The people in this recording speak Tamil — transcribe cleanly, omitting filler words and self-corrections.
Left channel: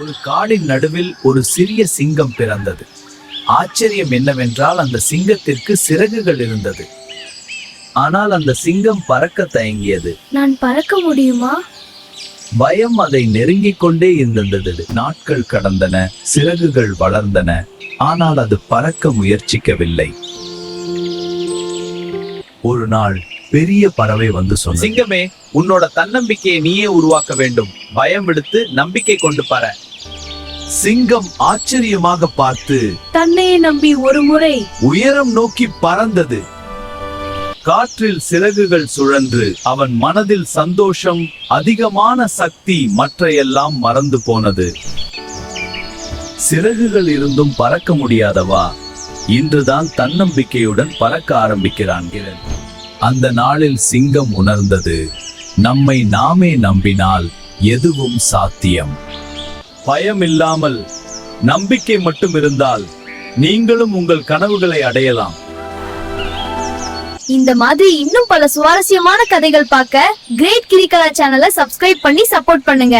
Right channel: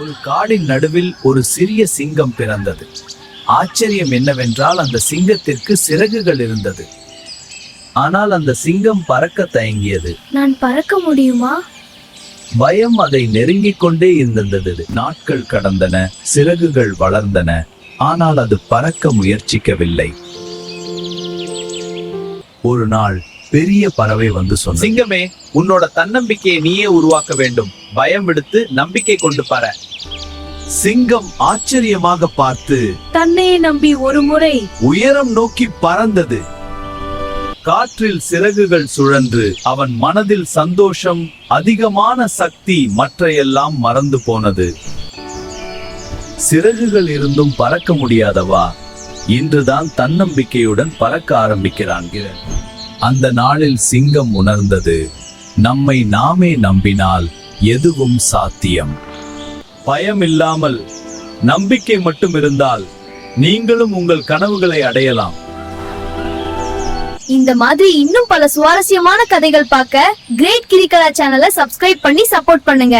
ஒரு காடின் நடுவில் ஒரு சிறிய சிங்கம் பிறந்தது. ஆச்சரியம் என்னவென்றால் அந்த சிங்கத்திற்கு சிறகுகள் இருந்தது. ஆனால் அந்த சிங்கம் பறக்க தயங்கியது. நான் பறக்க முடியுமா? பயம் அதை நெருங்கிக் கொண்டே இருந்தது. நாட்கள் கடந்தன, சிறகுகள் வளர்ந்தன, ஆனால் அது பறக்க முயற்சிக்கவில்லை. ஒரு நாள் பெரிய பறவை வந்து சொன்னது, சிங்கமே, உன்னோட தன்னம்பிக்கையை நீயே உருவாக்க வேண்டும். பயம் விடுத்து நம்பிக்கை கொண்டு பார. சிங்கம் ஆச்சரியமாக பார்த்து தன்னையே நம்பி ஒரு முறை உயரம் நோக்கி பறந்தது. காற்றில் சிறகுகள் சுழன்று அவன் மனதில் சந்தோஷம், அதிகமான சக்தி, மற்றையெல்லாம் மறந்து போனது. சிறகுகள் இருந்தும் பறக்க முடியாதவா? இன்றுதான் தன்னம்பிக்கையுடன் பறக்க ஆரம்பிக்கிறான். அந்த நாளில் சிங்கம் உணர்ந்தது, நம்மை நாமே நம்பினால் எதுவும் சாத்தியம். பயம் இல்லாமல் நம்பிக்கை மட்டும் இருந்தால் நீங்களும் உங்கள் கனவுகளை அடையலாம். இந்த மாதிரி இன்னும் பல சுவாரஸ்யமான கதைகள் பார்க்க கிரேட் கிரிக்கலா சேனலை சப்ஸ்கிரைப் பண்ணி சப்போர்ட் பண்ணுங்க.